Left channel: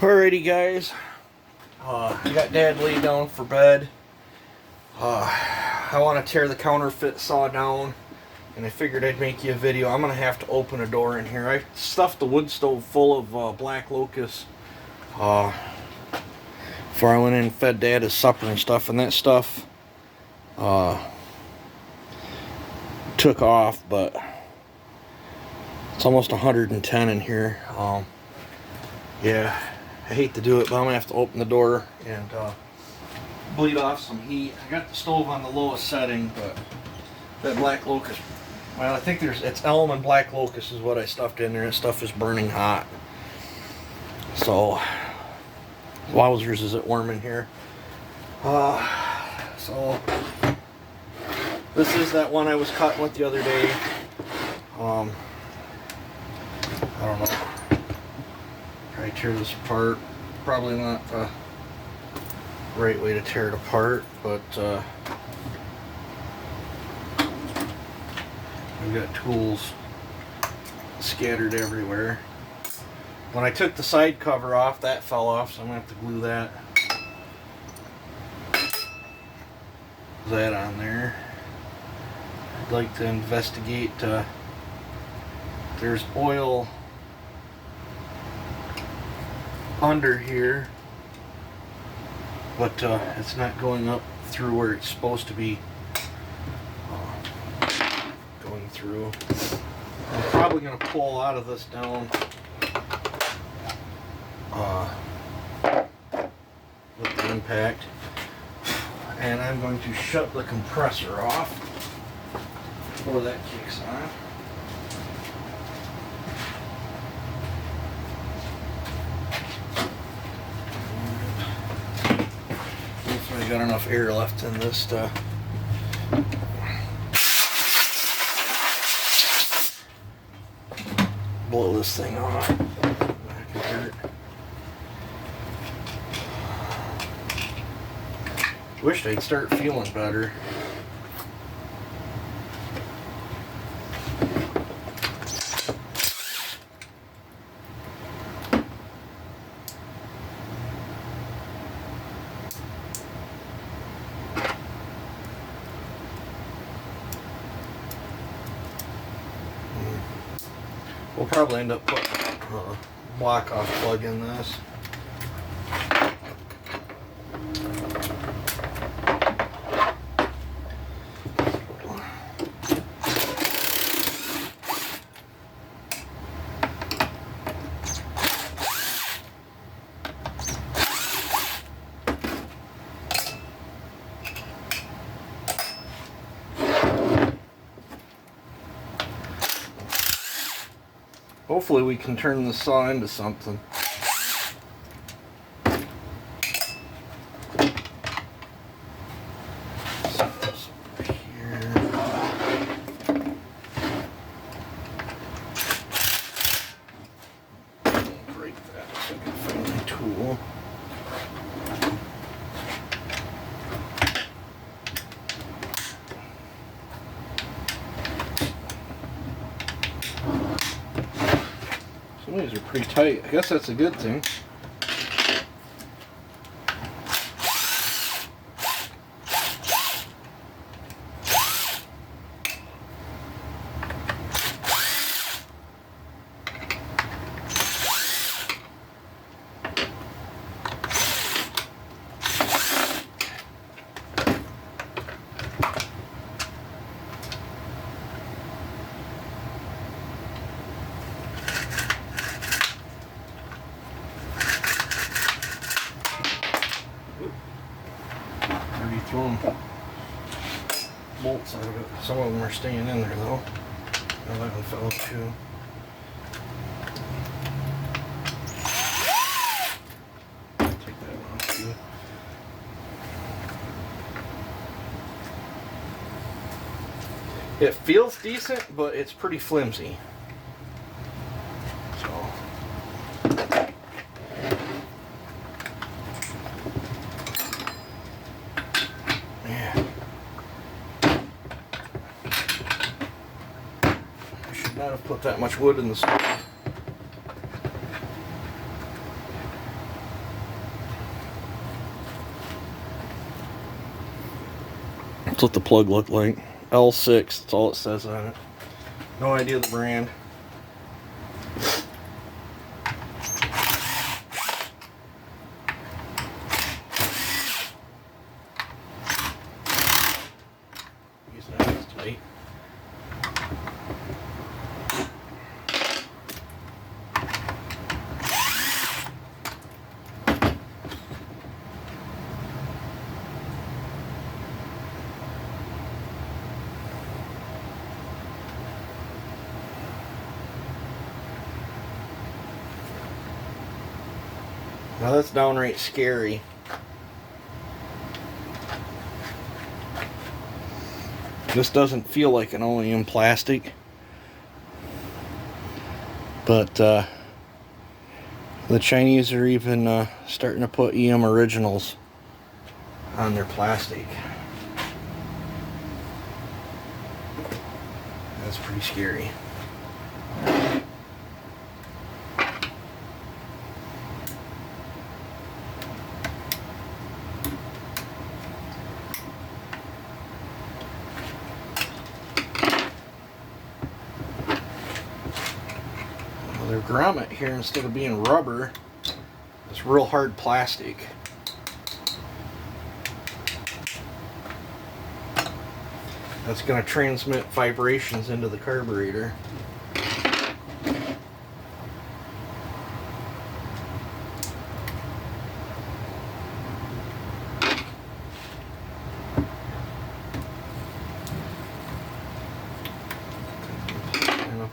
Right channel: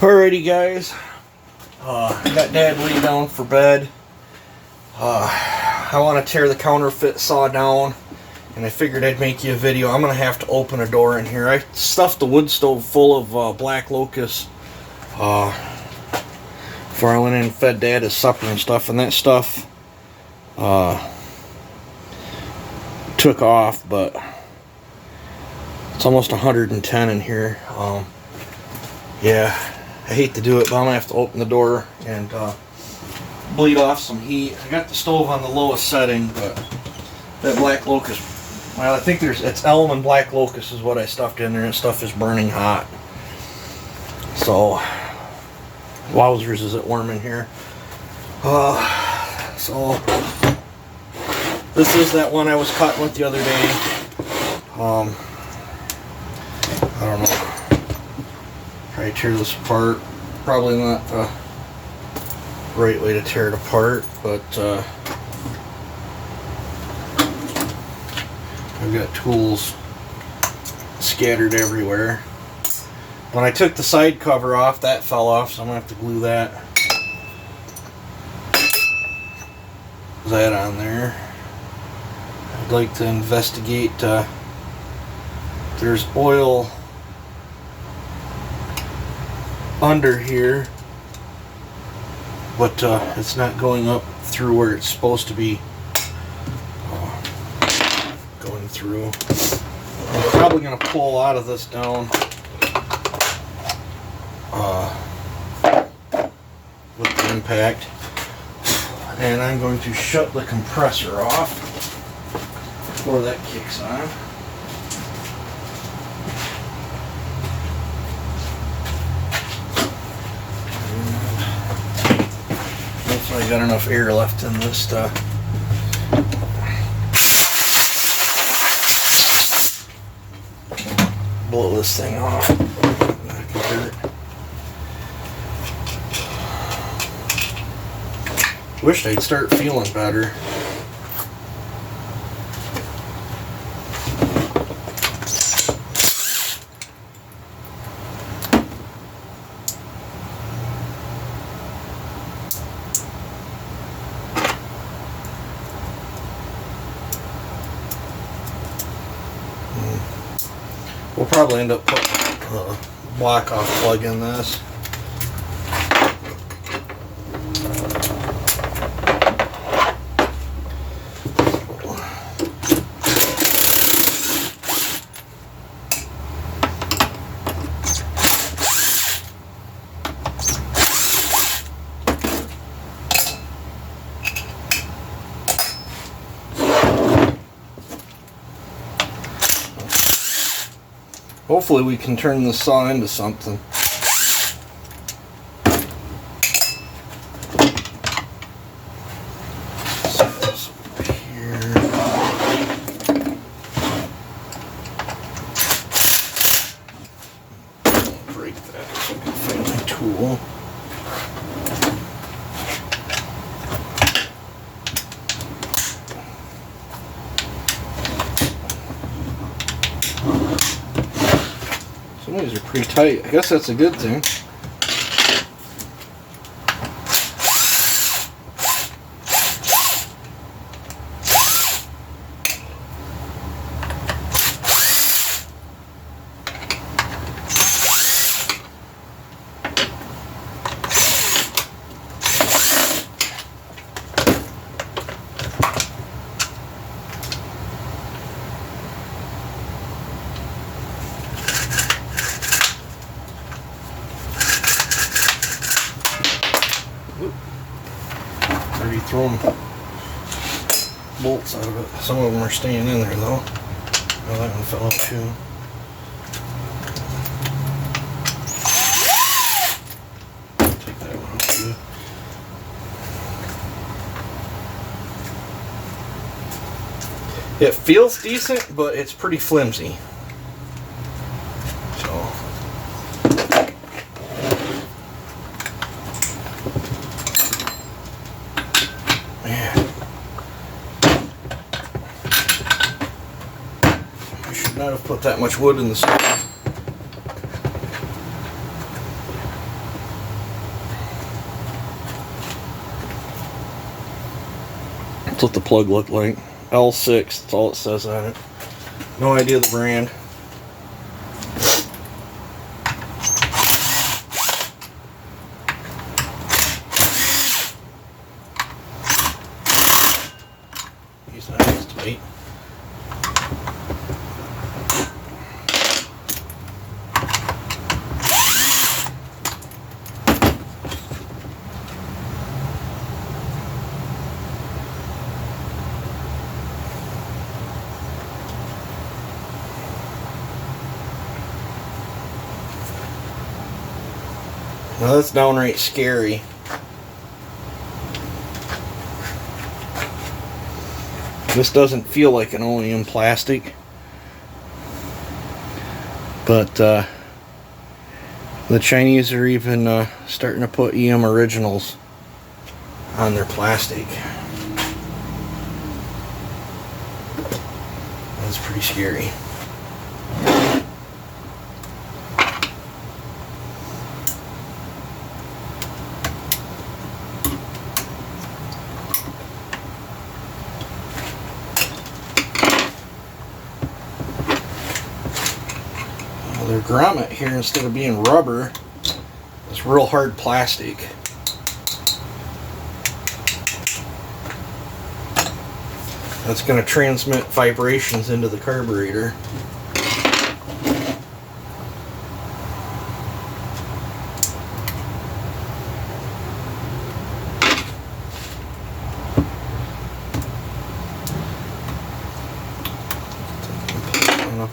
Alrighty guys, got Dad laid down for bed. I want to tear the counterfeit saw down, and I figured I'd make you a video. I'm going to have to open a door in here. I stuffed the wood stove full of black locust before I went in and fed Dad his supper and stuff, and that stuff took off, but it's almost 110 in here. Yeah, I hate to do it, but I'm gonna have to open the door and bleed off some heat. I got the stove on the lowest setting, but that black locust, well, I think it's elm and black locust is what I stuffed in there, and stuff is burning hot. So, wowzers, is it warm in here. So, this is that one I was cutting with the other day. I don't know. Probably tear this apart. Probably not the right way to tear it apart, but I've got tools scattered everywhere. When I took the side cover off, that fell off, so I'm gonna have to glue that on there. I'd like to investigate. There's oil under here, but it's not going up through where it's supposed to be going through. I'm probably going to pull a lot of this down with the impact, and I'm going to shut the compressor off before that kicks on. I got enough air left in this to blow this thing off. That could hurt. Wished I'd start feeling better. We'll probably end up putting a block-off plug in this. Hopefully we can turn the saw into something. Set this over here. Break that so I can find my tool. Some of these are pretty tight. I guess that's a good thing. Maybe throwing bolts out of it. Some of them are staying in there though. Oh, that one fell out too. Take that one out too. It feels decent, but it's pretty flimsy. So. Not have put that much wood in the stove. That's what the plug looked like. L6, that's all it says on it. No idea the brand. Use that as tight. Now that's downright scary. This doesn't feel like an OEM plastic, but the Chinese are even starting to put EM originals on their plastic. That's pretty scary. Their grommet here, instead of being rubber, is real hard plastic. That's going to transmit vibrations into the carburetor.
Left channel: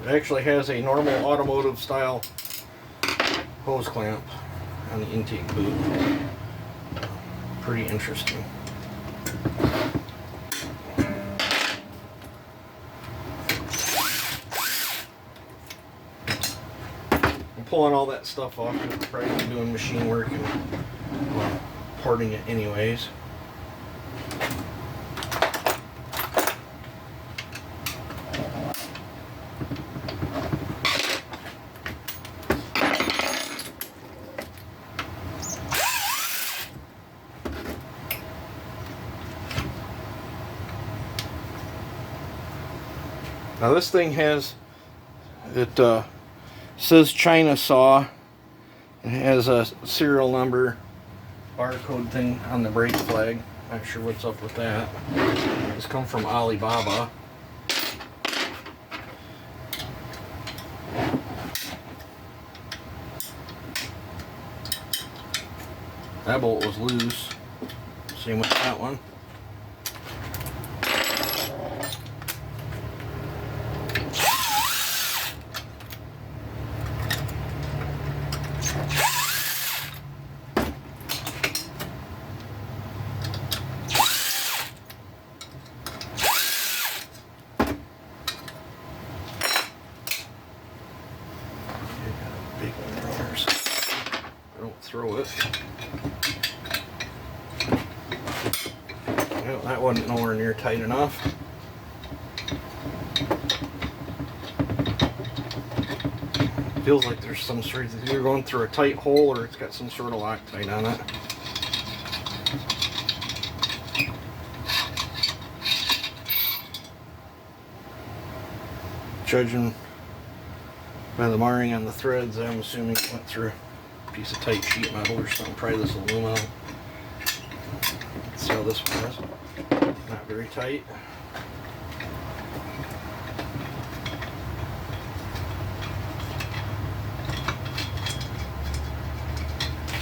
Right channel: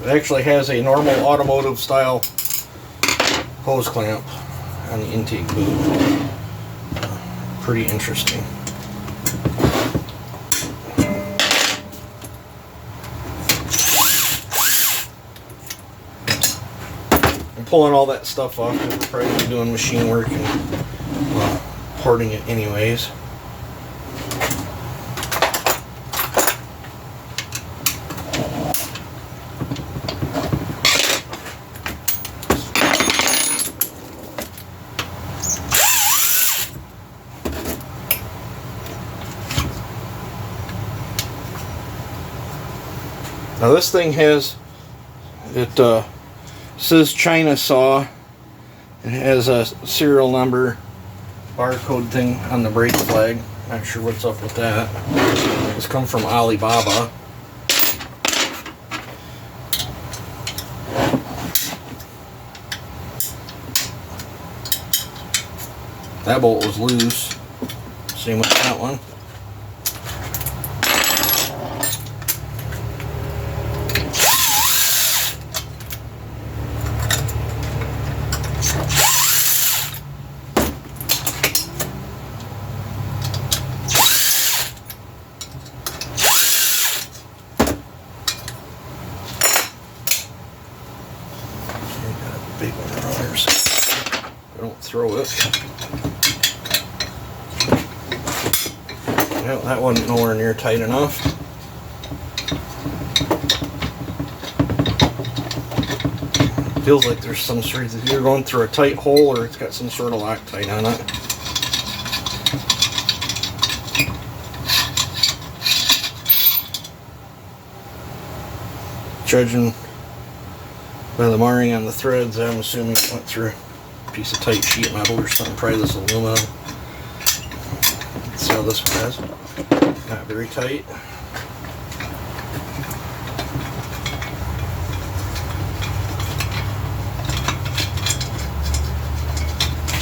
It actually has a normal automotive style hose clamp on the intake boot. Pretty interesting. I'm pulling all that stuff off because we're probably doing machine work and porting it anyways. Now this thing has, it says China saw. It has a serial number barcode thing on the brake flag. Not sure what's up with that. It's come from Alibaba. That bolt was loose. Same with that one. Big one on there, so don't throw it. Well, that wasn't nowhere near tight enough. Feels like there's some sort of, either going through a tight hole or it's got some sort of Loctite on it. Judging by the marring on the threads, I'm assuming it went through a piece of tight sheet metal or something, probably this aluminum. Let's see how this one is. Not very tight.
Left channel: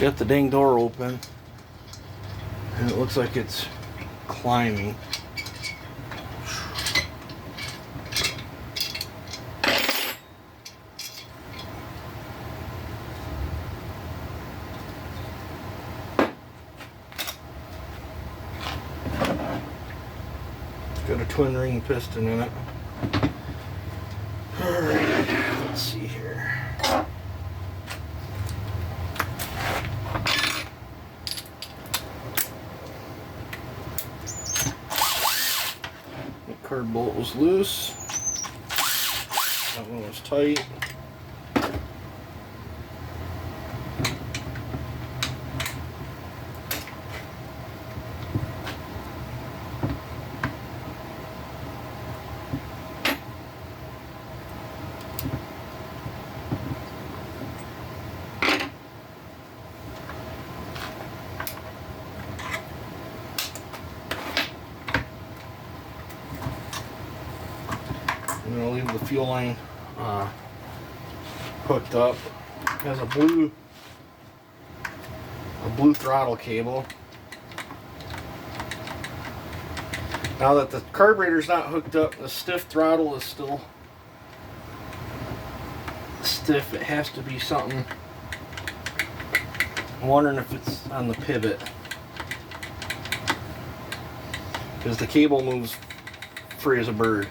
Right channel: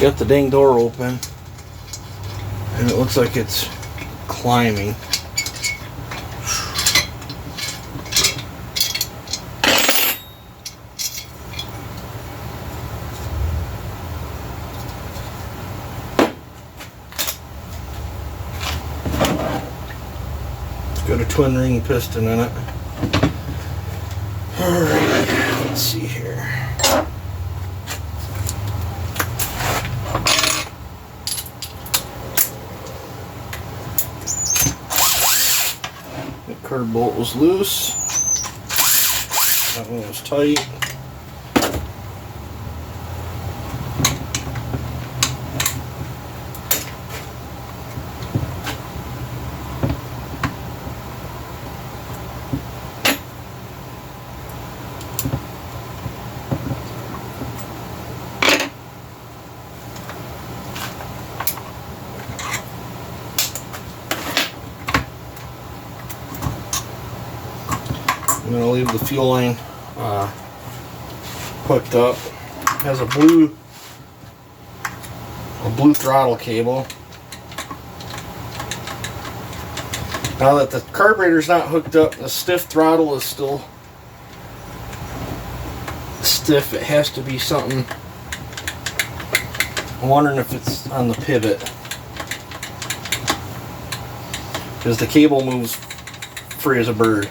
Got the dang door open, and it looks like it's climbing. Got a twin ring piston in it. Alright, let's see here. The curb bolt was loose. That one was tight. leave the fuel line hooked up. It has a blue throttle cable. Now that the carburetor's not hooked up, the stiff throttle is still stiff. It has to be something. I'm wondering if it's on the pivot, because the cable moves free as a bird.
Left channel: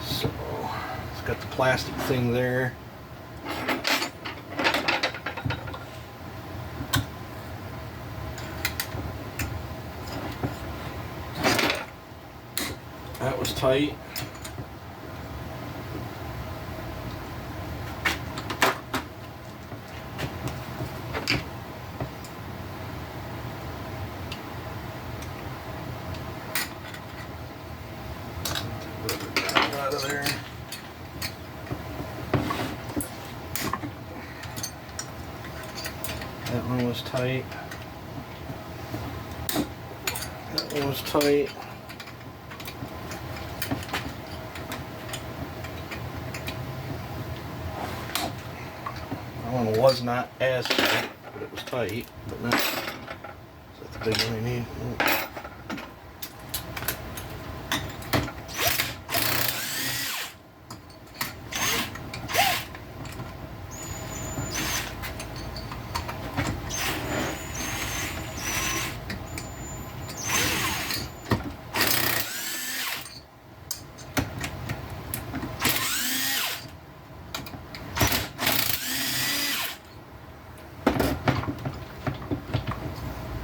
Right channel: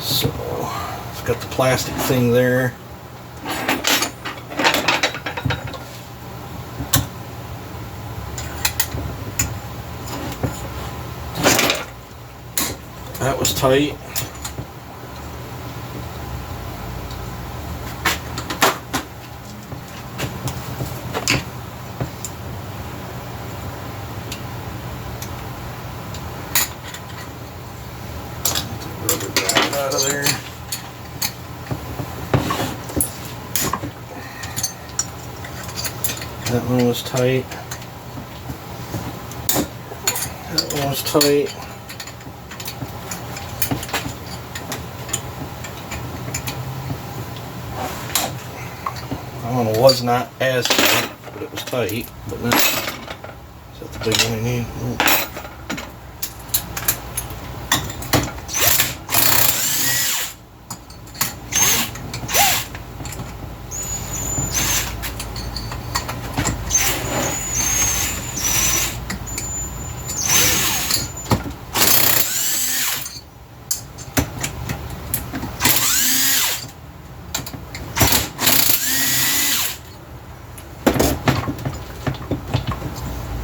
So it's got the plastic thing there. That was tight. Rubber band out of there. That one was tight. That one was tight. That one was not as tight, but it was tight. But not, is that the big one I need? Nope.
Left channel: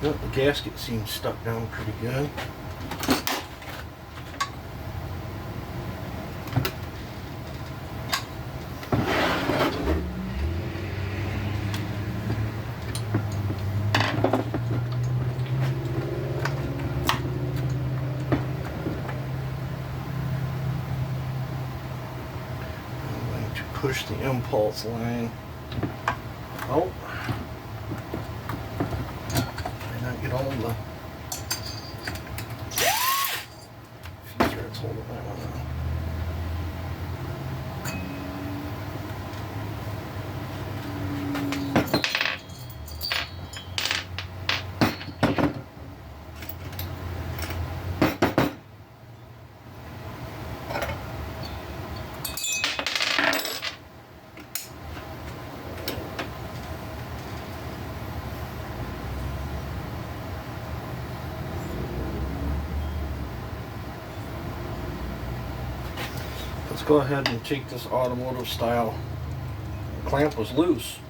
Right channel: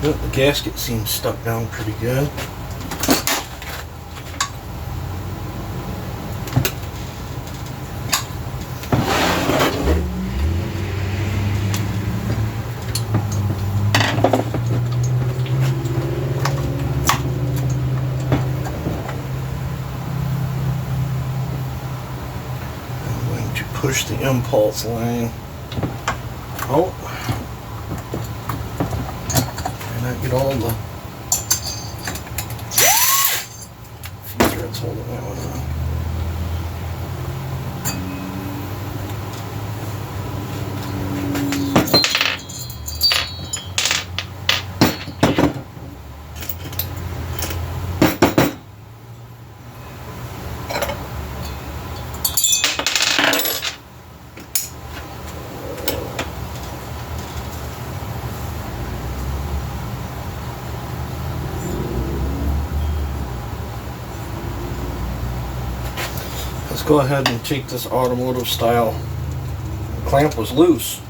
Yep, the gasket seems stuck down pretty good. I'm going to push the impulse line out. Not get all the few threads holding that one on. Let's go ahead and take this automotive style. The clamp was loose.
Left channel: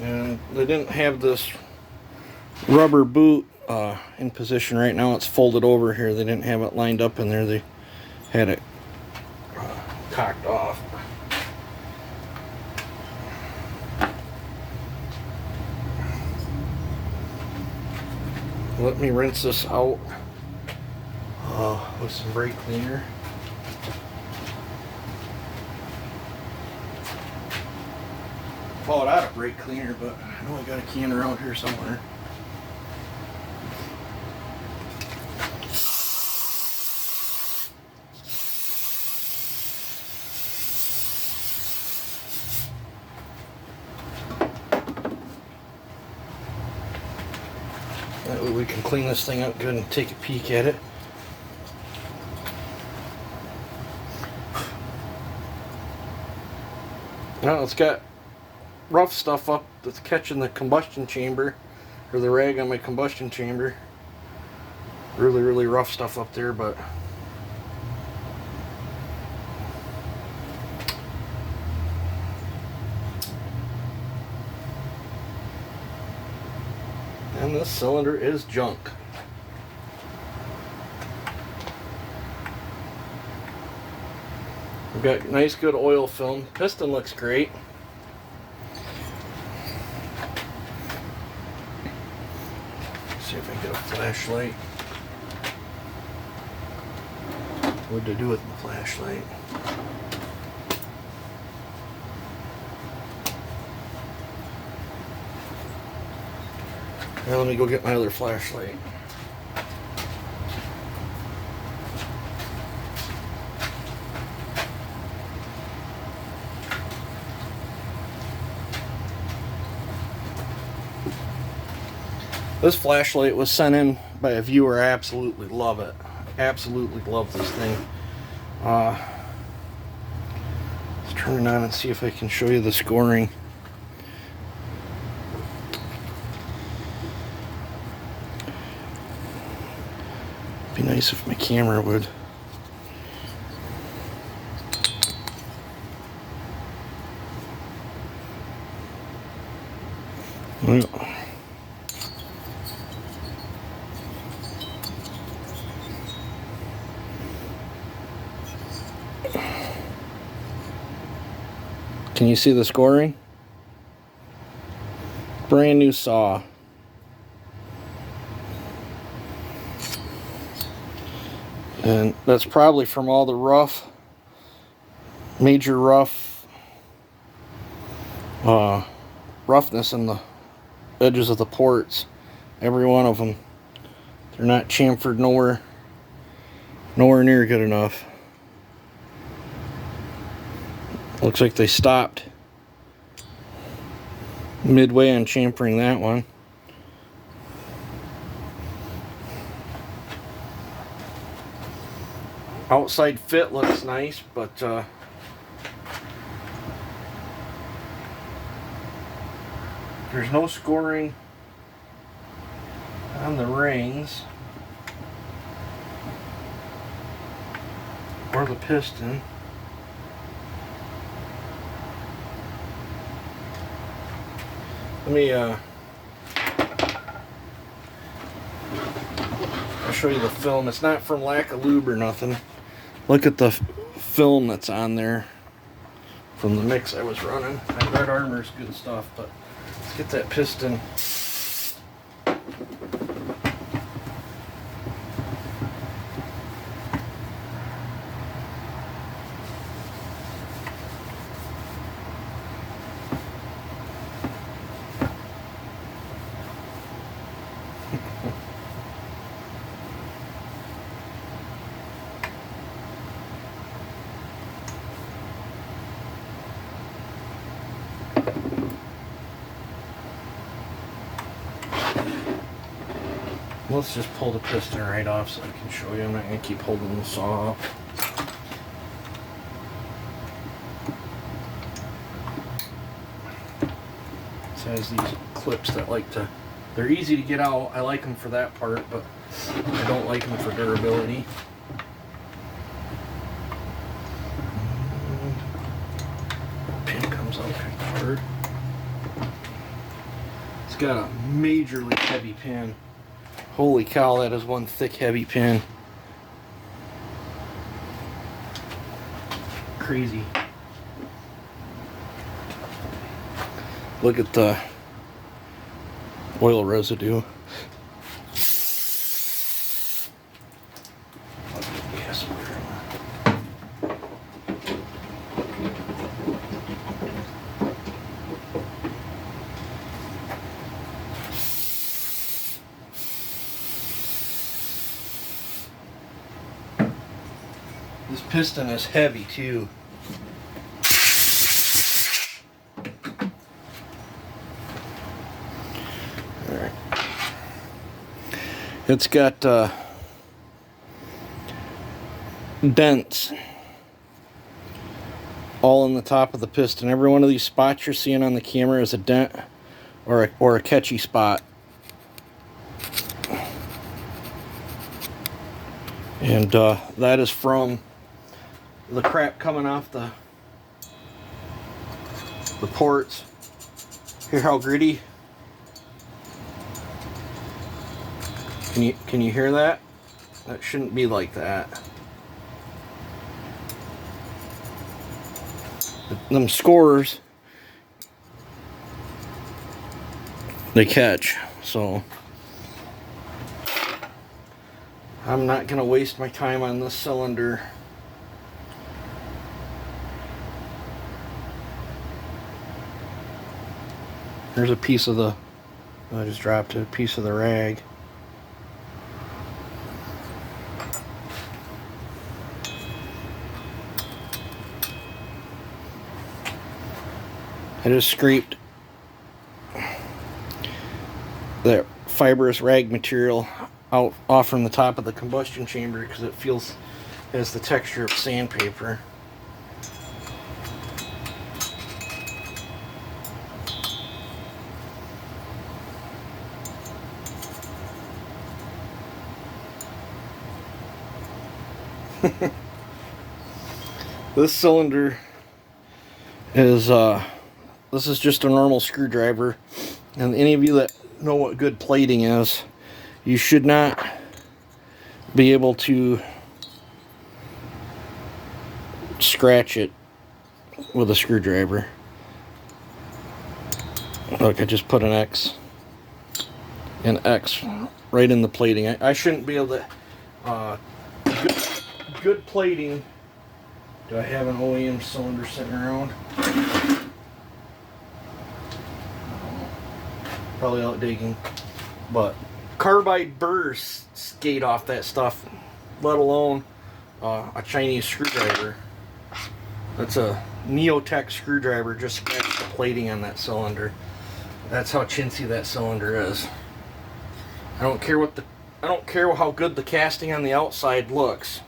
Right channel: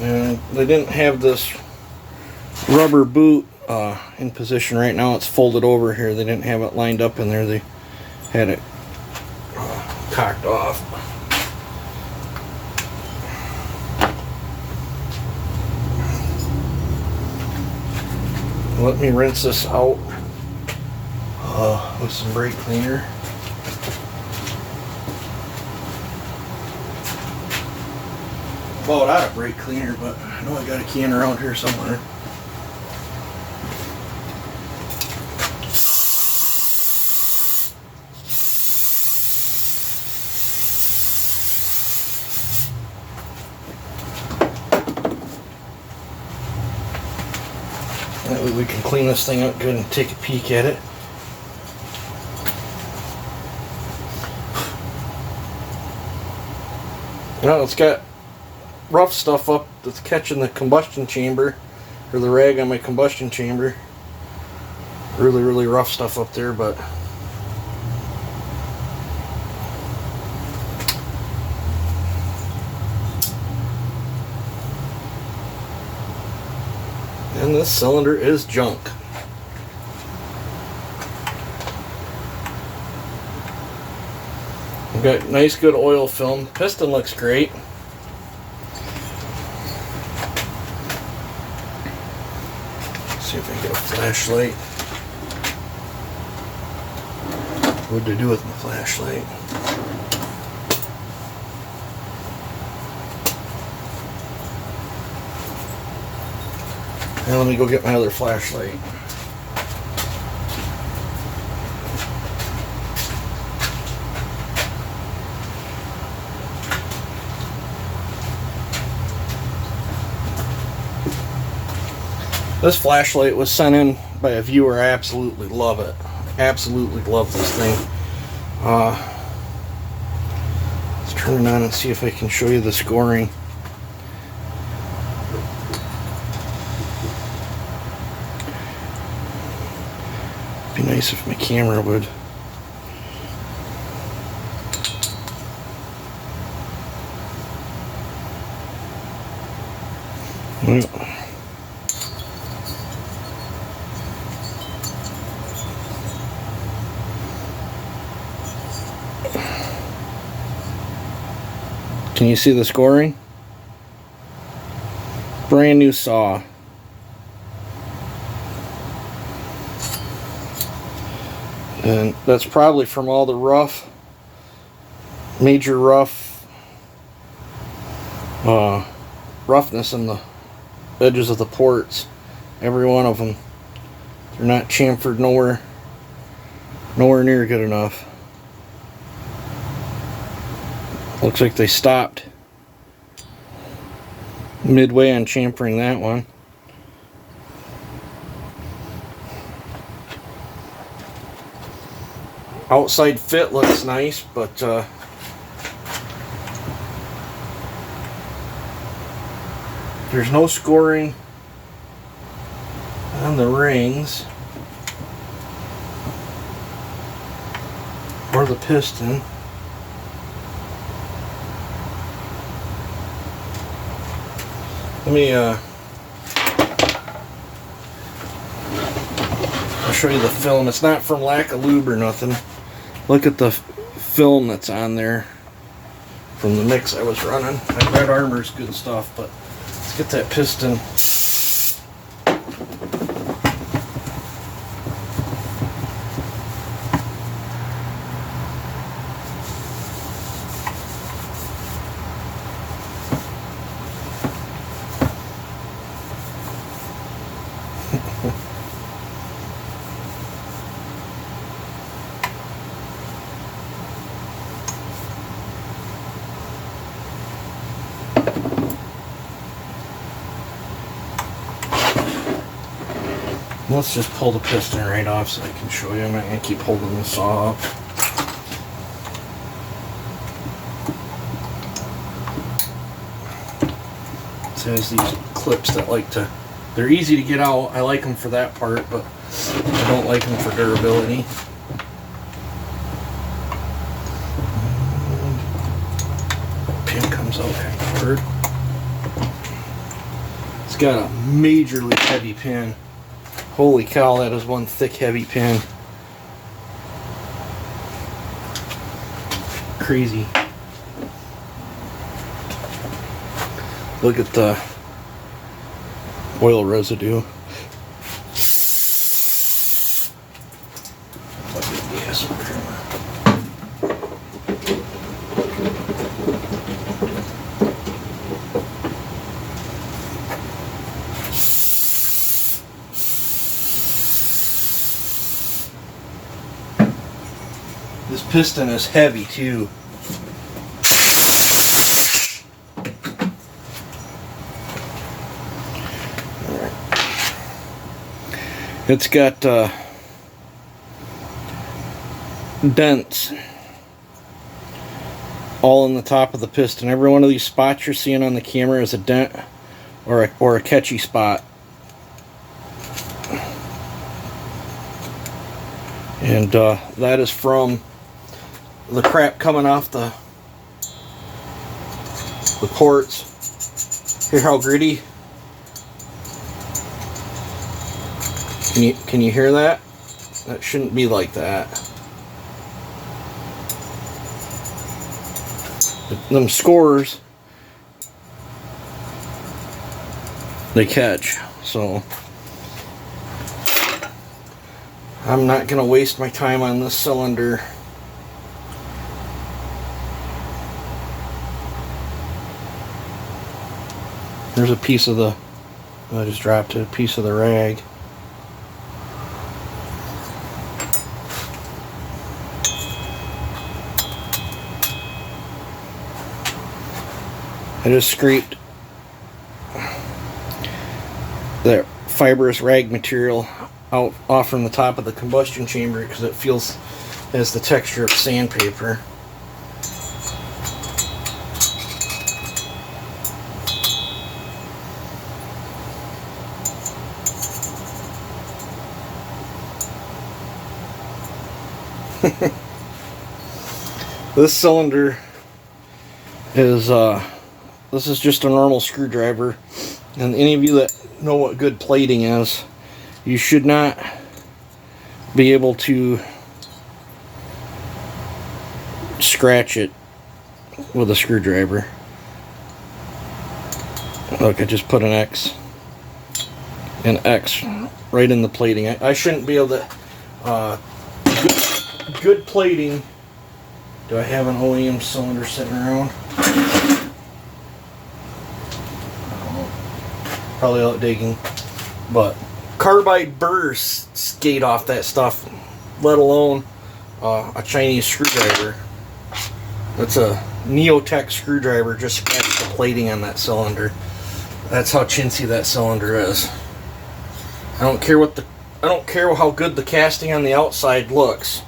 And they didn't have this rubber boot in position right now. It's folded over here. They didn't have it lined up in there. They had it cocked off. Let me rinse this out with some brake cleaner. About out of brake cleaner, but I know I got a can around here somewhere. That way we can clean this thing up good and take a peek at it. Now it's got rough stuff up that's catching the combustion chamber, or the rag on my combustion chamber. Really rough stuff up there, but and this cylinder is junk. We've got nice good oil film. Piston looks great. Let's see if I can get a flashlight. What did I do with my flashlight? Now let me go get my other flashlight. This flashlight was sent in by a viewer. I absolutely love it. Absolutely love this thing. Let's turn it on and see if I can show you the scoring. Be nice if my camera would. Can you see the scoring? Brand new saw. And that's probably from all the major roughness in the edges of the ports. Every one of them. They're not chamfered nowhere near good enough. Looks like they stopped midway on chamfering that one. Outside fit looks nice, but there's no scoring on the rings or the piston. Let me I'll show you the film. It's not from lack of lube or nothing. Look at the film that's on there from the mix I was running. That Red Armor's good stuff, but let's get that piston. Let's just pull the piston right off so I can show you. I'm not going to keep holding the saw up. It has these clips that they're easy to get out. I like them for that part, but I don't like them for durability. Pin comes out kind of hard. It's got a majorly heavy pin. Holy cow, that is one thick, heavy pin. Crazy. Look at the oil residue. This piston is heavy too. Alright. It's got dents all in the top of the piston. Every one of these spots you're seeing on the camera is a dent or a catchy spot. And that is from the crap coming off the ports. Hear how gritty? Can you hear that? That shouldn't be like that. Them scores, they catch. So I'm not gonna waste my time on this cylinder. There's a piece of the I just dropped a piece of the rag. I just scraped the fibrous rag material off from the top of the combustion chamber because it has the texture of sandpaper. This cylinder is this is just a normal screwdriver, and any of you that know what good plating is, you should not be able to scratch it with a screwdriver. Look, I just put an X right in the plating. I shouldn't be able to good plating. Do I have an OEM cylinder sitting around? I don't know. Probably out digging. But carbide burrs skate off that stuff, let alone a Chinese screwdriver. That's a Neotech screwdriver, just scratched the plating on that cylinder. That's how chintzy that cylinder is. I don't care how good the casting on the outside looks.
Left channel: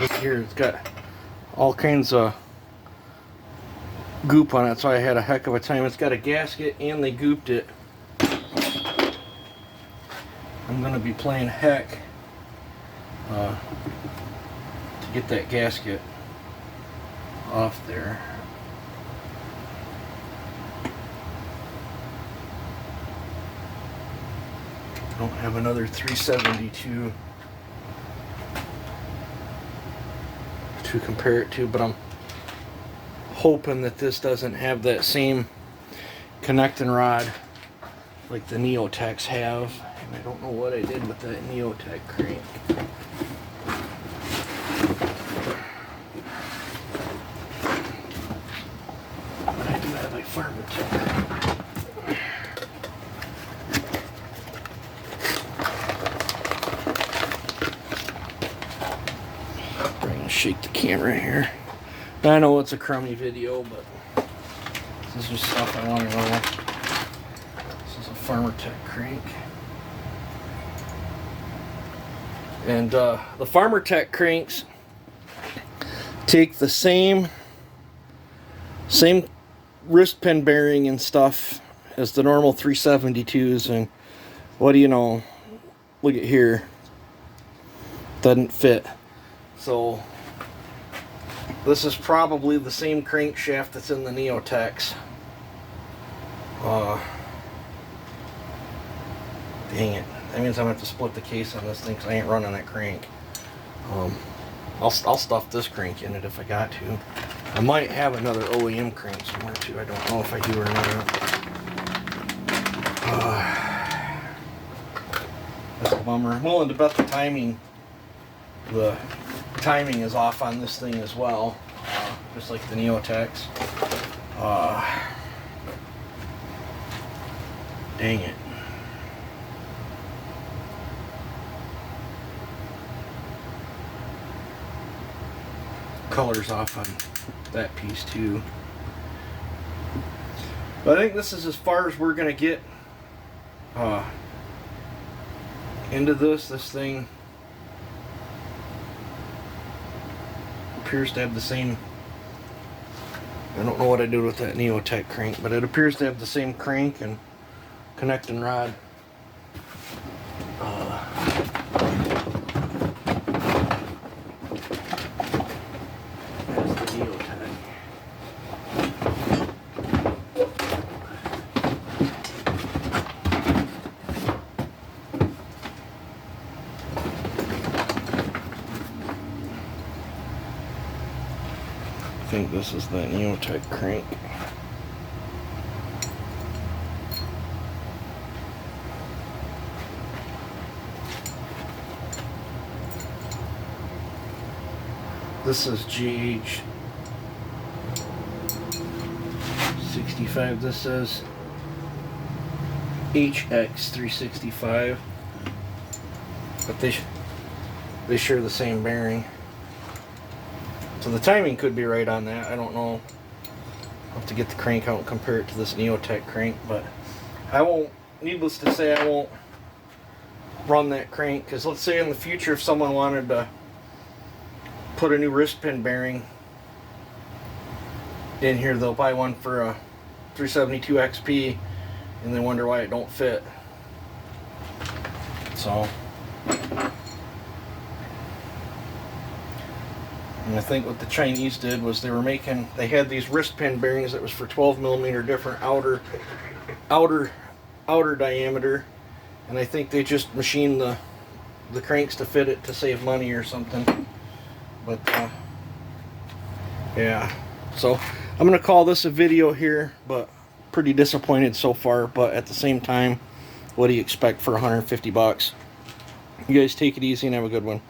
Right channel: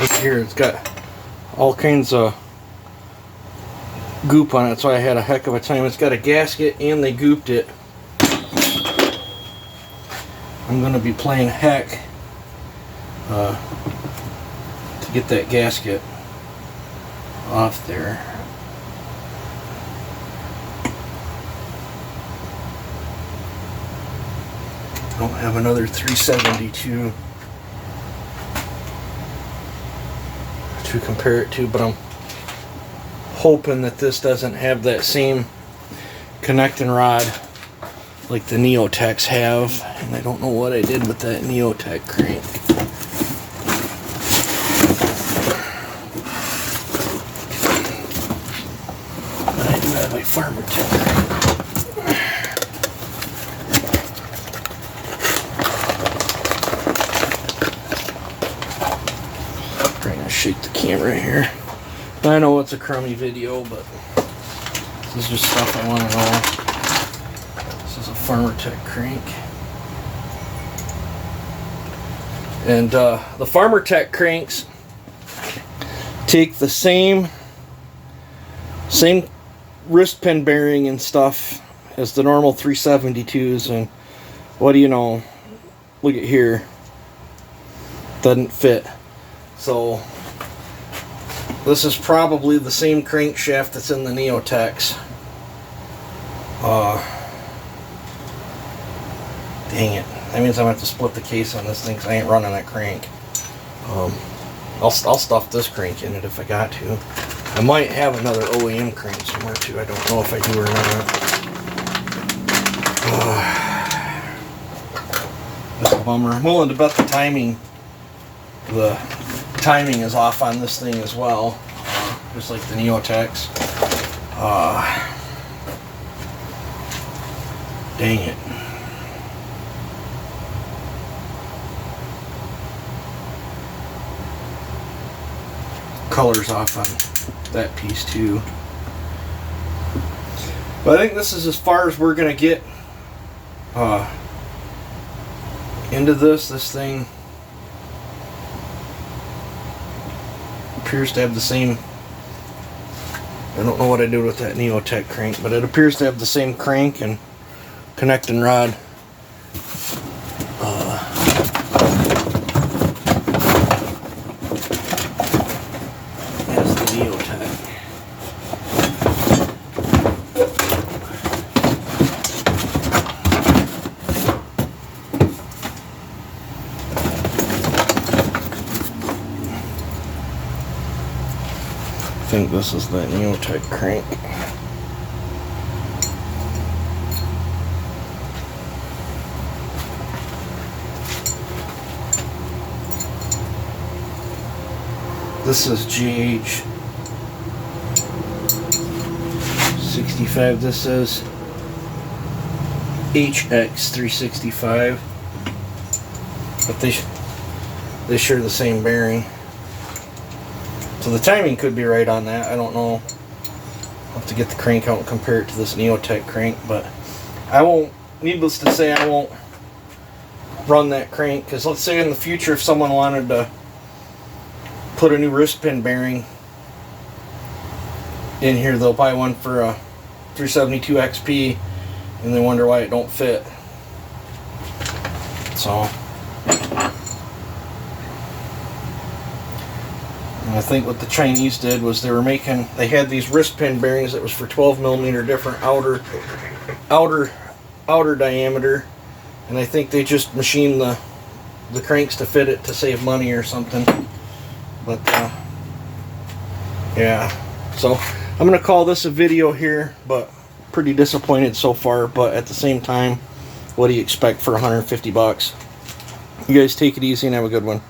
Look here, it's got all kinds of goop on it, so I had a heck of a time. It's got a gasket and they gooped it. I'm going to be playing heck to get that gasket off there. I don't have another 372 to compare it to, but I'm hoping that this doesn't have that same connecting rod like the Neotechs have, and I don't know what I did with that Neotech crank. But I do have my farmer tiller. Shake the camera here. I know it's a crummy video, but this is just stuff I want to know. This is a Farmer Tech crank. And the Farmer Tech cranks take the same wrist pin bearing and stuff as the normal 372s, and what do you know? Look at here. Doesn't fit. So this is probably the same crankshaft that's in the Neotechs. Dang it. That means I'm going to have to split the case on this thing because I ain't running that crank. I'll stuff this crank in it if I got to. I might have another OEM crank somewhere too. I don't know if I do or not. That's a bummer. I'm willing to bet the timing is off on this thing as well, just like the Neotechs. Dang it. Color's off on that piece too. But I think this is as far as we're going to get into this. This thing appears to have the same, I don't know what I did with that Neotech crank, but it appears to have the same crank and connecting rod as the Neotech. I think this is the Neotech crank. This is GH 60 365. This is HX365, but they share the same bearing, so the timing could be right on that. I don't know. I'll have to get the crank out and compare it to this Neotech crank, but I won't, needless to say, I won't run that crank, because let's say in the future if someone wanted to put a new wrist pin bearing in here, they'll buy one for a 372 XP and they wonder why it don't fit. So, and I think what the Chinese did was they had these wrist pin bearings that was for 12 millimeter different outer diameter, and I think they just machined the cranks to fit it to save money or something. But yeah, so I'm gonna call this a video here, but pretty disappointed so far. But at the same time, what do you expect for 150 bucks? You guys take it easy and have a good one.